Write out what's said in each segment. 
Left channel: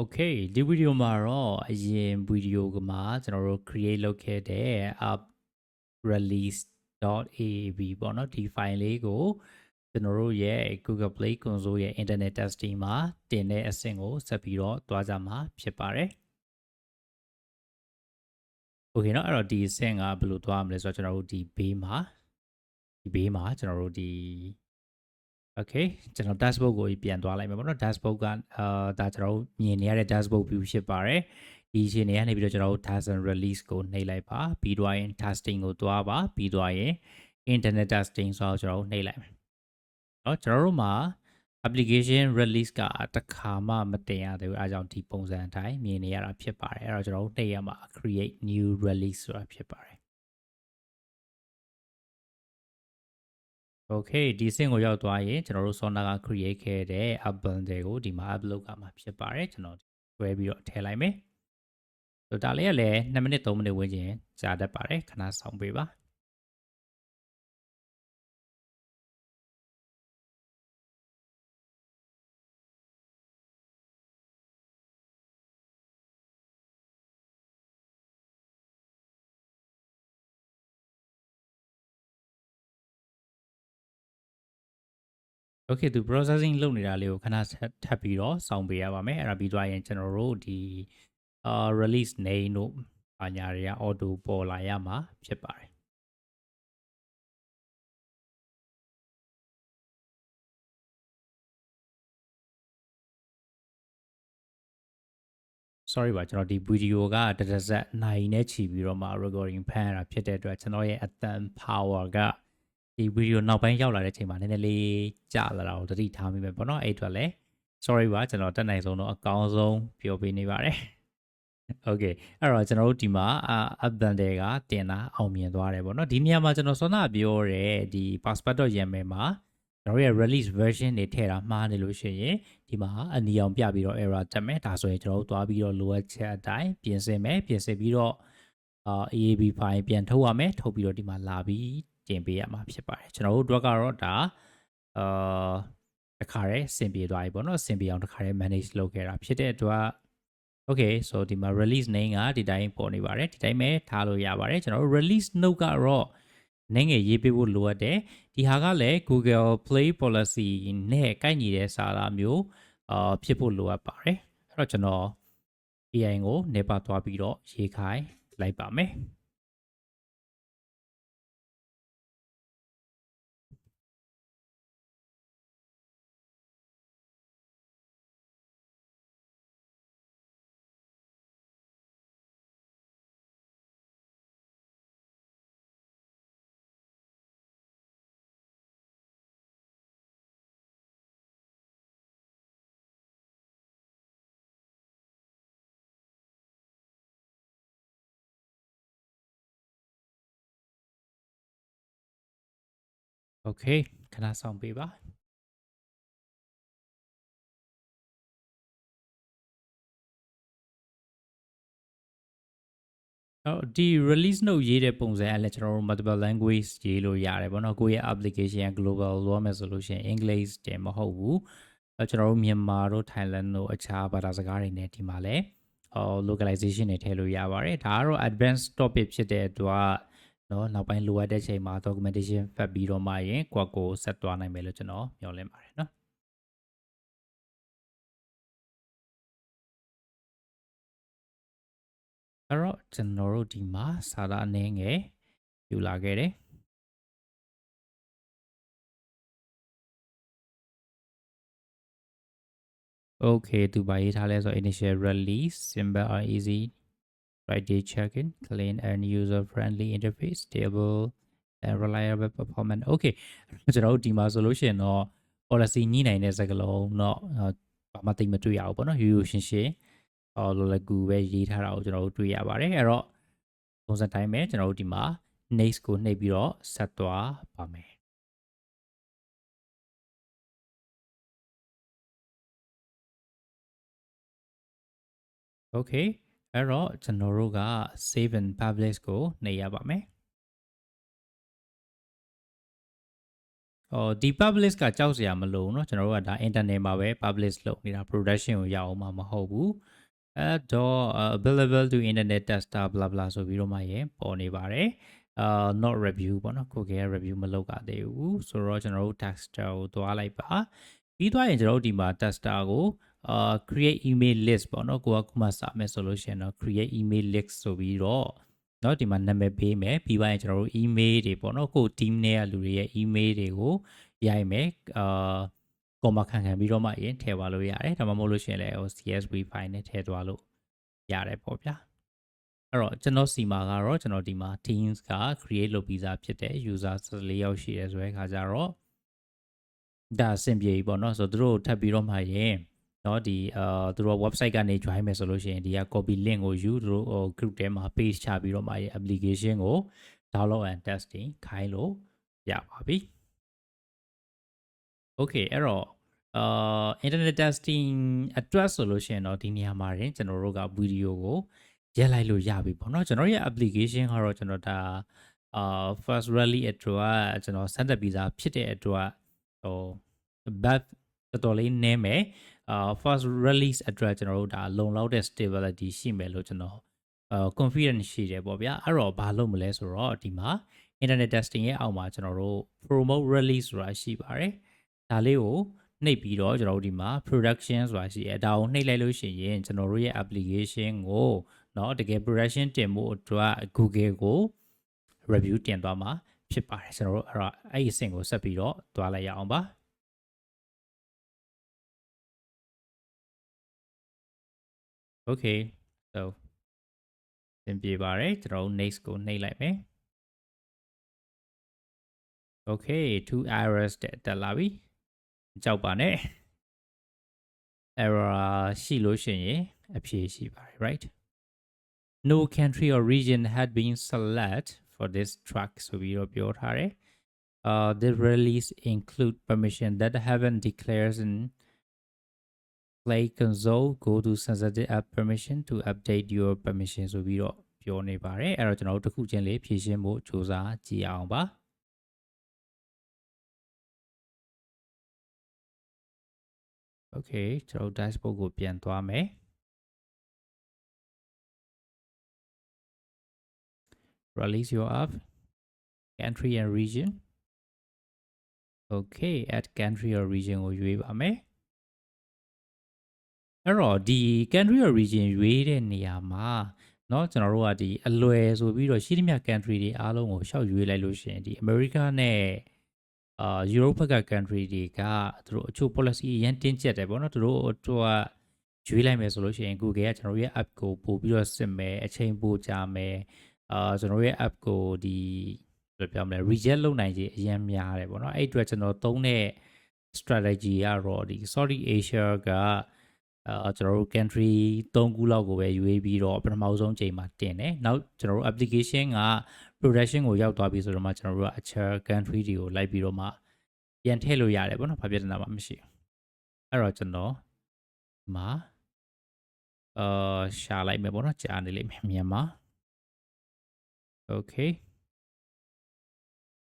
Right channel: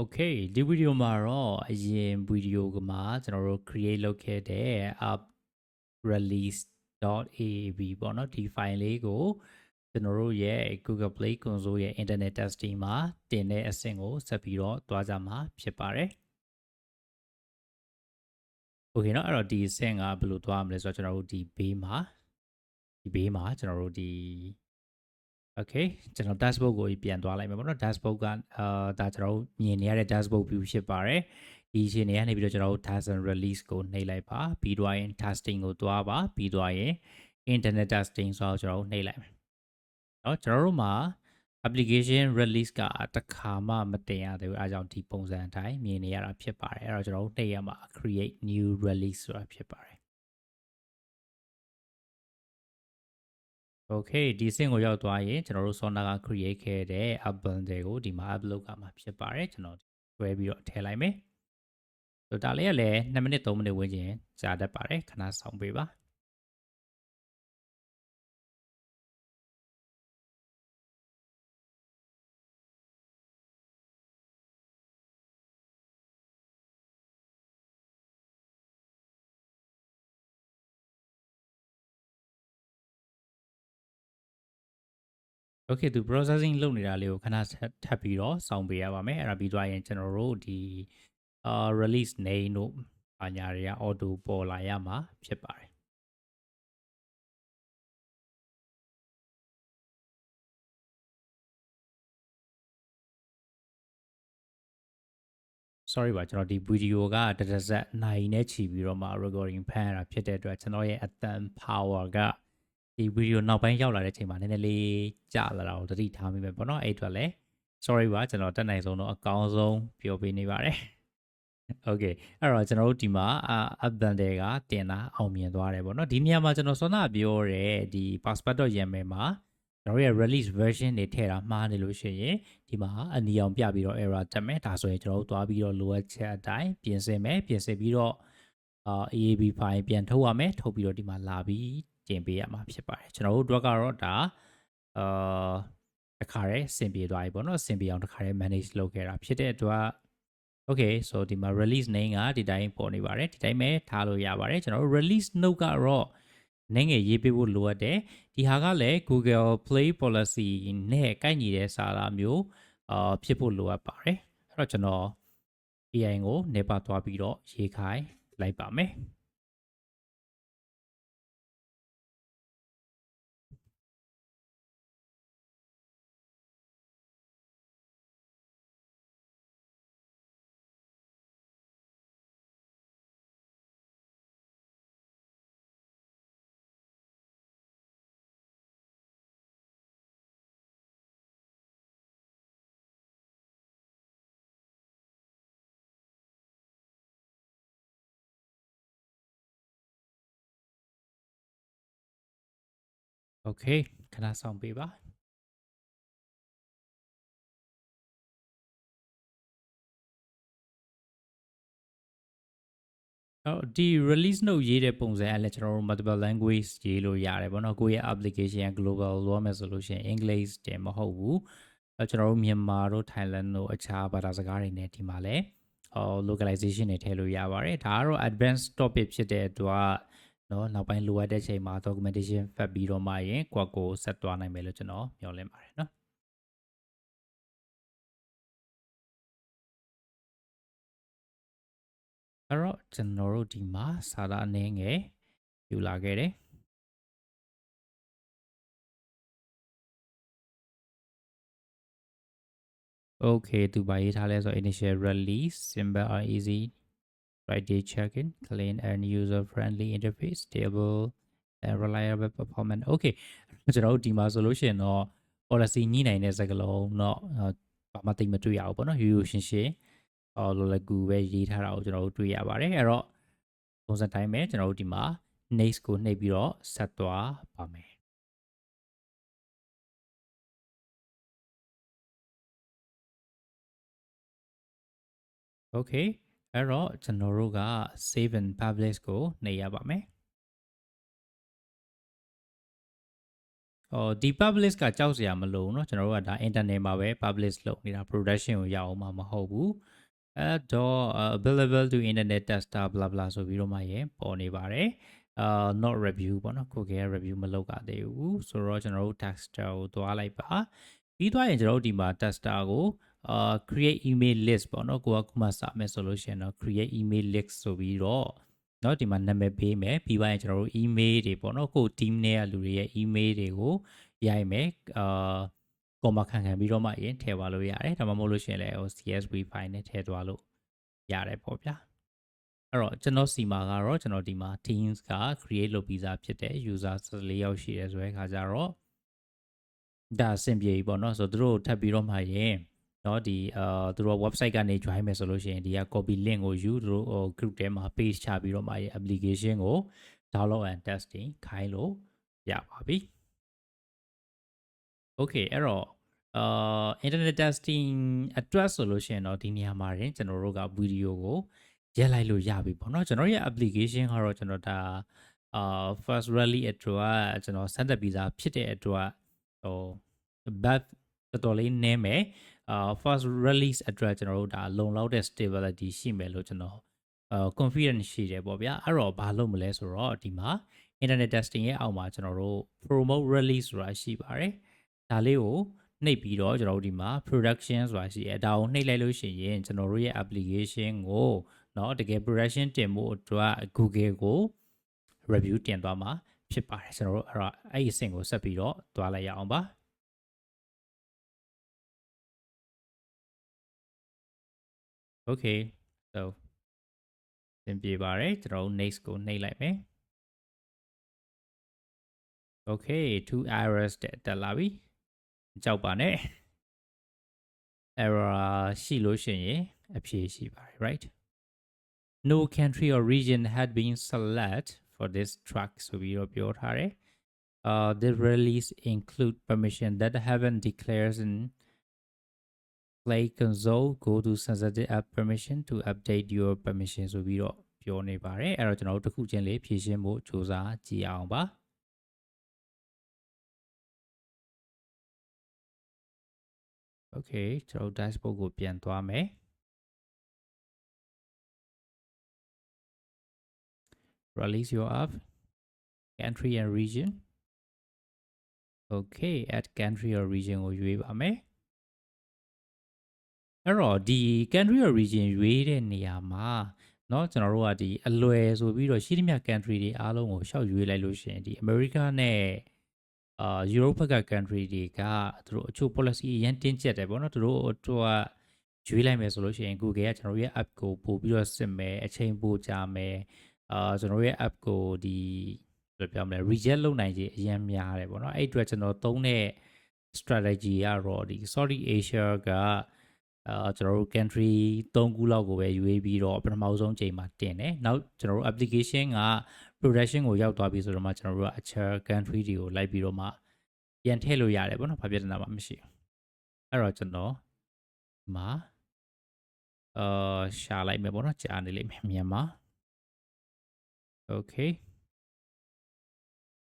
Okay ဒီဗီဒီယိုမှာတော့အရင်ဗီဒီယိုကမှာကျွန်တော်တို့ create လုပ်ခဲ့တဲ့ app release.aab ပေါ့နော်ဒီ file လေးကိုကျွန်တော်တို့ရဲ့ Google Play Console ရဲ့ internet testing မှာတင်တဲ့အဆင့်ကိုဆက်ပြီးတော့တွားကြမှာဖြစ်ပါတယ် Okay เนาะအဲ့တော့ဒီအဆင့်ကဘယ်လိုတွားမလဲဆိုတော့ကျွန်တော်တို့ဒီဘေးမှာကျွန်တော်တို့ဒီ Okay ကျွန်တော် dashboard ကိုပြန်သွားလိုက်မယ်ပေါ့နော် dashboard ကဒါကျွန်တော်တို့မြင်နေရတဲ့ dashboard view ဖြစ်ပါတယ်ဒီအချိန်တွေကနေပြီးတော့ကျွန်တော်တို့ Dazen release ကိုနှိပ်လိုက်ပါပြီးတော့ရင် testing ကိုသွားပါပြီးတော့ရင် internet testing ဆိုတော့ကျွန်တော်တို့နှိပ်လိုက်မယ်เนาะကျွန်တော်တို့မှာ application release ကတခါမှမတင်ရသေးဘူးအဲဒါကြောင့်ဒီပုံစံအတိုင်းမြင်နေရတာဖြစ်ပါတယ်အဲ့တော့ကျွန်တော်တို့နှိပ်ရမှာ create new release ဆိုတာဖြစ်ပါတယ်Okay ဒီအဆင့်ကိုရောက်သွားရင်ကျွန်တော်တို့ Sona က create ခဲ့တဲ့ app bundle ကိုဒီမှာ upload ကမှာဖြစ်ပါတယ်ကျွန်တော်တွဲပြီးတော့ထည့်လိုက်မယ်ဆိုတော့ဒါလေးကလည်း2မိနစ်3မိနစ်ဝန်းကျင်ကြာတတ်ပါတယ်ခဏဆောင်ပေးပါ Okay သူ processing လုပ်နေတာလေးကိုခဏထပ်ပြီးတော့စောင့်ပေးရပါမယ်အဲ့ဒါပြီးသွားရင်ကျွန်တော်တို့ဒီ release name တို့ဘာညာတွေက auto ပေါ်လာရမှာဖြစ်ပါတယ် sorry ပါကျွန်တော်ဒီ video ကတရဇက်နိုင်နဲ့ချီပြီးတော့မှ recording ဖမ်းရတာဖြစ်တဲ့အတွက်ကျွန်တော်ရဲ့အသံ power ကဒီ video နောက်ပိုင်းရောက်လာတဲ့အချိန်မှာနည်းနည်းလေးကြာလာတာကိုသတိထားမိမယ်ပေါ့နော်အဲ့အတွက်လည်း sorry ပါကျွန်တော်တက်နိုင်ဆုံးတော့အကောင်းဆုံးပြောပေးနေပါတယ် Okay အဲ့တော့ကျွန်တော်တို့ဒီမှာapp bundle ကတင်တာအောင်မြင်သွားတယ်ပေါ့နော်ဒီနေရာမှာကျွန်တော်စောနာပြောတဲ့ဒီ passport.yaml မှာကျွန်တော်ရဲ့ release version တွေထည့်တာမှားနေလို့ရှိရင်ဒီမှာအနီအောင်ပြပြီးတော့ error တက်မယ်ဒါဆိုရင်ကျွန်တော်တို့သွားပြီးတော့လိုအပ်ချက်အတိုင်းပြင်ဆင်မယ်ပြင်ဆင်ပြီးတော့AAB file ပြန်ထုတ်ရမယ်ထုတ်ပြီးတော့ဒီမှာလာပြီးတင်ပေးရမှာဖြစ်ပါတယ်ကျွန်တော်တို့အတွက်ကတော့ဒါတခါတည်းဆင်ပြေသွားပြီပေါ့နော်ဆင်ပြေအောင်တခါတည်း manage လုပ်ခဲ့တာဖြစ်တဲ့အတွက် Okay so ဒီမှာ release name ကဒီတိုင်းပေါ်နေပါတယ်ဒီတိုင်းပဲထားလို့ရပါတယ်ကျွန်တော်တို့ release note ကတော့နည်းငယ်ရေးပေးဖို့လိုအပ်တယ်ဒီဟာကလည်း Google Play policy နဲ့ကိုက်ညီတဲ့စာသားမျိုးဖြစ်ဖို့လိုအပ်ပါတယ်အဲ့တော့ကျွန်တော် AI ကိုနေပါသွားပြီးတော့ရေးခိုင်းလိုက်ပါမယ်โอเคခဏဆောင်ပေးပါဒီ release note ရေးတဲ့ပုံစံအလည်းကျွန်တော်တို့ multiple language ရေးလို့ရတယ်ပေါ့နော်ကိုယ့်ရဲ့ application global လို့မယ်ဆိုလို့ရှိရင် English တင်မဟုတ်ဘူးကျွန်တော်တို့မြန်မာတို့ Thailand တို့အခြားဘာသာစကားတွေနဲ့ဒီမှာလည်းlocalization တွေထည့်လို့ရပါတယ်ဒါကတော့ advanced topic ဖြစ်တဲ့အတွက်နော်နောက်ပိုင်းလိုအပ်တဲ့ချိန်မှာ documentation ဖတ်ပြီးတော့မှရင်ကိုဆက်သွားနိုင်မယ်လို့ကျွန်တော်မျှော်လင့်ပါတယ်နော်အဲ့တော့ကျွန်တော်တို့ဒီမှာစာသားအနည်းငယ်ယူလာခဲ့တယ်Okay သူပါရေးထားလဲဆို initial release simple or easy Friday check-in clean and user friendly interface stable and reliable performance Okay ကျွန်တော်တို့ဒီမှာဆိုလို့ရှိရင်တော့ policy ညှိနိုင်တဲ့စကားလုံးတော့ဘာမှသိမတွေ့ရဘူးပေါ့နော်ရိုးရိုးရှင်းရှင်းလောလကူပဲရေးထားတာကိုကျွန်တော်တို့တွေ့ရပါတယ်အဲ့တော့ပုံစံတိုင်းပဲကျွန်တော်တို့ဒီမှာ next ကိုနှိပ်ပြီးတော့ဆက်သွားပါမယ် Okay အဲ့တော့ကျွန်တော်တို့က save and publish ကိုနှိပ်ရပါမယ် ဒီ publish ကကြောက်စရာမလိုဘူးเนาะကျွန်တော်တို့ကဒါ internet မှာပဲ publish လုပ်နေတာ production ကိုရအောင်မှာမဟုတ်ဘူးအဲ့တော့ available to internet tester blah blah ဆိုပြီးတော့မှရပေါ်နေပါတယ်not review ပေါ့နော်ကိုက review မလုပ်ရသေးဘူးဆိုတော့ကျွန်တော်တို့ tester ကိုသွားလိုက်ပါပြီးသွားရင်ကျွန်တော်တို့ဒီမှာ tester ကိုcreate email list ပေါ့နော်ကိုကခုမှစမယ်ဆိုလို့ရှိရင်တော့ create email list ဆိုပြီးတော့เนาะဒီမှာနာမည်ပေးမယ်ပြီးသွားရင်ကျွန်တော်တို့ email တွေပေါ့နော်ကို team နဲ့ကလူတွေရဲ့ email တွေကိုရိုက်မယ်comma ခံပြီးတော့မှရင်ထည့်သွားလို့ရတယ်ဒါမှမဟုတ်လို့ရှိရင်လည်း CSV file နဲ့ထည့်သွားလို့ရတယ်ပေါ့ဗျာအဲ့တော့ကျွန်တော်စီမှာကတော့ကျွန်တော်ဒီမှာ teams က create လုပ်ပြီးသားဖြစ်တဲ့ user 14ယောက်ရှိတယ်ဆိုတဲ့အခါကျတော့ဒါအဆင်ပြေပြီပေါ့နော်ဆိုတော့သူတို့ထပ်ပြီးတော့မှရင်เนาะဒီသူတို့ website ကနေ join မယ်ဆိုလို့ရှိရင်ဒီက copy link ကိုယူသူတို့ group ထဲမှာ page ချပြီးတော့မှရင် application ကို download and testing ခိုင်းလို့ရပါပြီ okay အဲ့တော့internet testing အတွက်ဆိုလို့ရှိရင်တော့ဒီနေရာမှာရင်ကျွန်တော်တို့က video ကိုရက်လိုက်လို့ရပြီပေါ့နော်ကျွန်တော်ရဲ့ application ကတော့ကျွန်တော်ဒါfirst rally အတွက်ကျွန်တော်ဆက်သက်ပြီးသားဖြစ်တဲ့အတွက်ဟို back တော်တော်လေးနည်းမယ်first release အတွက်ကျွန်တော်တို့ဒါလုံလောက်တဲ့ stability ရှိမယ်လို့ကျွန်တော်confidence ရှိတယ်ပေါ့ဗျာအဲ့တော့ဘာလုပ်မလဲဆိုတော့ဒီမှာ internet testing ရဲ့အောက်မှာကျွန်တော်တို့ promote release ဆိုတာရှိပါတယ်ဒါလေးကိုနှိပ်ပြီးတော့ကျွန်တော်တို့ဒီမှာ production ဆိုတာရှိတယ်ဒါကိုနှိပ်လိုက်လို့ရှိရင်ကျွန်တော်တို့ရဲ့ application ကိုเนาะတကယ် production တင်ဖို့အတွက် Google ကို review တင်သွားမှာဖြစ်ပါတယ်ကျွန်တော်တို့အဲ့တော့အဲ့ဒီအဆင့်ကိုဆက်ပြီးတော့သွားလိုက်ရအောင်ပါ okay so သင်ပြပါတယ်ကျွန်တော်တို့ next ကိုနှိပ်လိုက်မယ် okay 2 errors တက်လာပြီကြောက်ပါနဲ့ error ရှိလို့ရှိရင်အဖြေရှိပါတယ် right no country or region had been selected for this track ဆိုပြီးတော့ပြောထားတယ်the release include permission that haven't declared in play console go to sensitive app permission to update your permission ဆိုပြီးတော့ပြောနေပါတယ်အဲ့တော့ကျွန်တော်တို့တစ်ခုချင်းလေးဖြည့်ရှင်းဖို့စူးစမ်းကြည့်အောင်ပါ okay ကျွန်တော် dashboard ကိုပြန်သွားမယ် release your app country and region okay add country or region ကိုရွေးပါမယ်အဲ့တော့ဒီ country or region ရွေးတဲ့နေရာမှာเนาะကျွန်တော်တို့ကဒီအလွယ်ဆိုပြီးတော့ရှိသမျှ country တွေအားလုံးကိုရှောက်ရွေးလိုက်လို့ရှိရင်ဒီ America နဲ့Europe ဘက်က country တွေကသူတို့အချို့ policy အရင်တင်းကျပ်တယ်ပေါ့နော်သူတို့ရွေးလိုက်မယ်ဆိုလို့ရှိရင် Google ကကျွန်တော်ရဲ့ app ကိုပို့ပြီးတော့စစ်မယ်အချိန်ပိုကြာမယ်ကျွန်တော်ရဲ့ app ကိုဒီဘယ်လိုပြောမလဲ reject လုပ်နိုင်ခြင်းအရင်များတယ်ပေါ့နော်အဲ့အတွက်ကျွန်တော်သုံးတဲ့ strategy ကတော့ဒီ Saudi Asia ကကျွန်တော်တို့ country 3ခုလောက်ကိုပဲရွေးပြီးတော့ပထမဆုံးချိန်မှာတင်တယ်နောက်ကျွန်တော်တို့ application က production ကိုရောက်သွားပြီဆိုတော့မှကျွန်တော်တို့ကအခြား country တွေကိုလိုက်ပြီးတော့မှပြန်ထည့်လို့ရတယ်ပေါ့နော်ဘာပြဿနာမှမရှိဘူးအဲ့တော့ကျွန်တော်မှာရှာလိုက်မယ်ပေါ့နော်ကြာနေလိမ့်မယ်မြန်မာ okay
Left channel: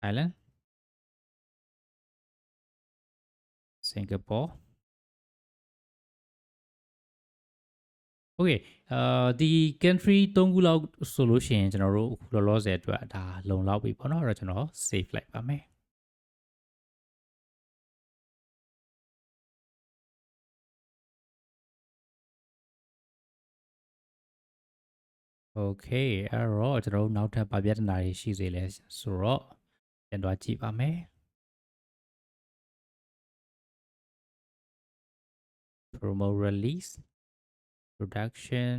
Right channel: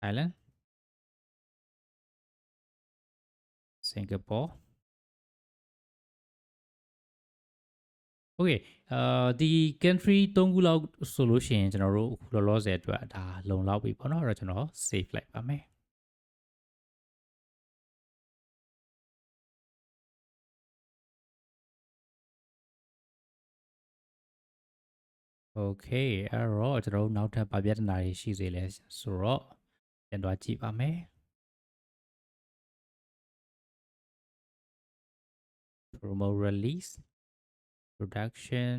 Thailand Singapore okay ဒီ country 3ခုလောက်ဆိုလို့ရှိရင်ကျွန်တော်တို့အခုလောလောဆယ်အတွက်ဒါလုံလောက်ပြီပေါ့နော်အဲ့တော့ကျွန်တော် save လိုက်ပါမယ် okay အဲ့တော့ကျွန်တော်တို့နောက်ထပ်ဗာပြဿနာတွေရှိစေလဲဆိုတော့ပြန်သွားကြည့်ပါမယ် promote release production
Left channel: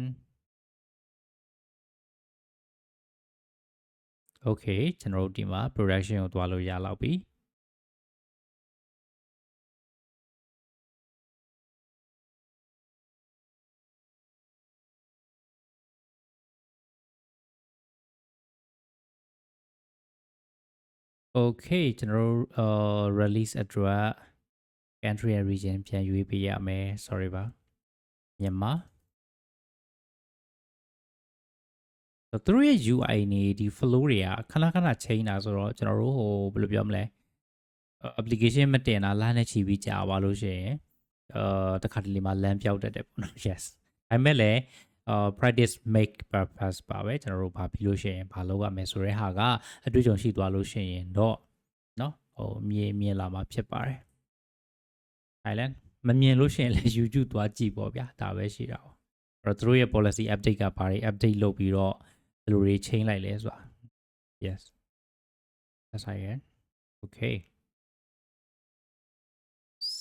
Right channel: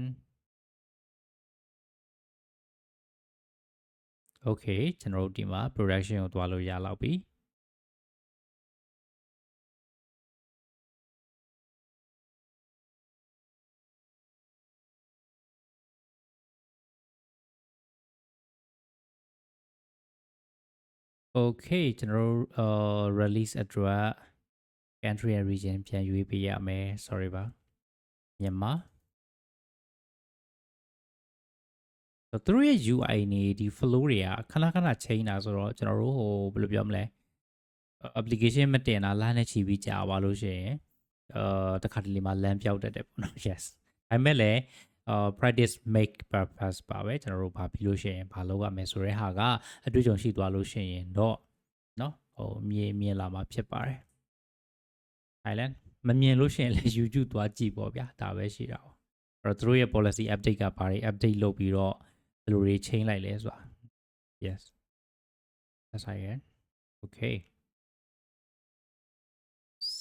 okay ကျွန်တော်တို့ဒီမှာ production ကိုသွားလို့ရလောက်ပြီ okay ကျွန်တော်တို့release အတွက် country and region ပြန်ရွေးပေးရမယ် sorry ပါမြန်မာသူတို့ရဲ့ UI နေဒီ flow တွေကခဏခဏ change တာဆိုတော့ကျွန်တော်တို့ဟိုဘယ်လိုပြောမလဲ application မတင်တာလမ်းနဲ့ချီပြီးကြာပါလို့ရှိရင်တခါတလေမှာလမ်းပြောက်တတ်တယ်ပေါ့နော် yes ဒါပေမဲ့လည်းpractice make purpose ပါပဲကျွန်တော်တို့ဘာပြီးလို့ရှိရင်ဘာလုပ်ရမယ်ဆိုတဲ့ဟာကအတွေ့အကြုံရှိသွားလို့ရှိရင်တော့နော်မြင်လာမှာဖြစ်ပါတယ် Thailand မမြင်လို့ရှိရင်လည်း YouTube သွားကြည့်ပေါ့ဗျာဒါပဲရှိတာပေါ့အဲ့တော့သူတို့ရဲ့ policy update ကဘာတွေ update လုပ်ပြီးတော့ဘယ်လိုတွေ change လိုက်လဲဆိုတာ yes that's right okay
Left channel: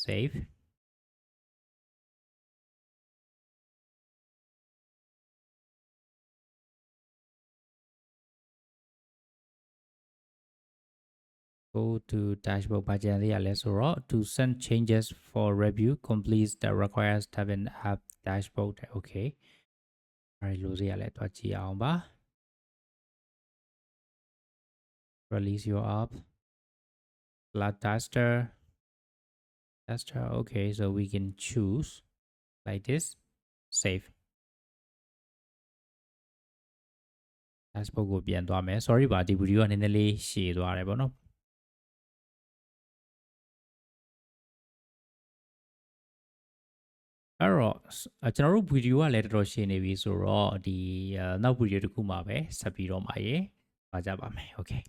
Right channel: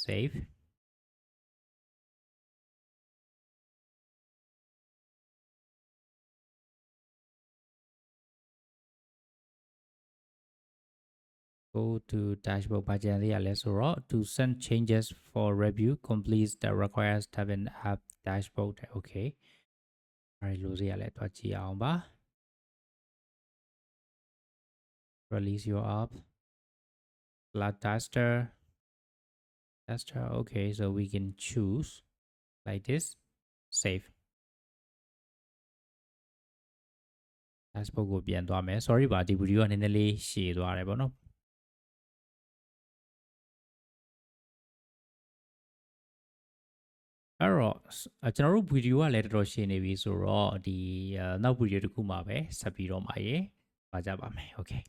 save go to dashboard ဘာကြံလေးရလဲဆိုတော့ to send changes for review complete that requires tab in app dashboard okay အဲ့လိုစီရလဲတွားကြည့်အောင်ပါ release your app flat tester okay so we can choose like this save dashboard ကိုပြန်သွားမယ် sorry ပါဒီ video ကနည်းနည်းလေးရှည်သွားတယ်ပေါ့နော်အဲ့တော့ကျွန်တော်တို့ video ကလည်းတော်တော်ရှည်နေပြီဆိုတော့ဒီနောက် video တစ်ခုမှာပဲဆက်ပြီးတော့မှာရေပါကြပါမယ် okay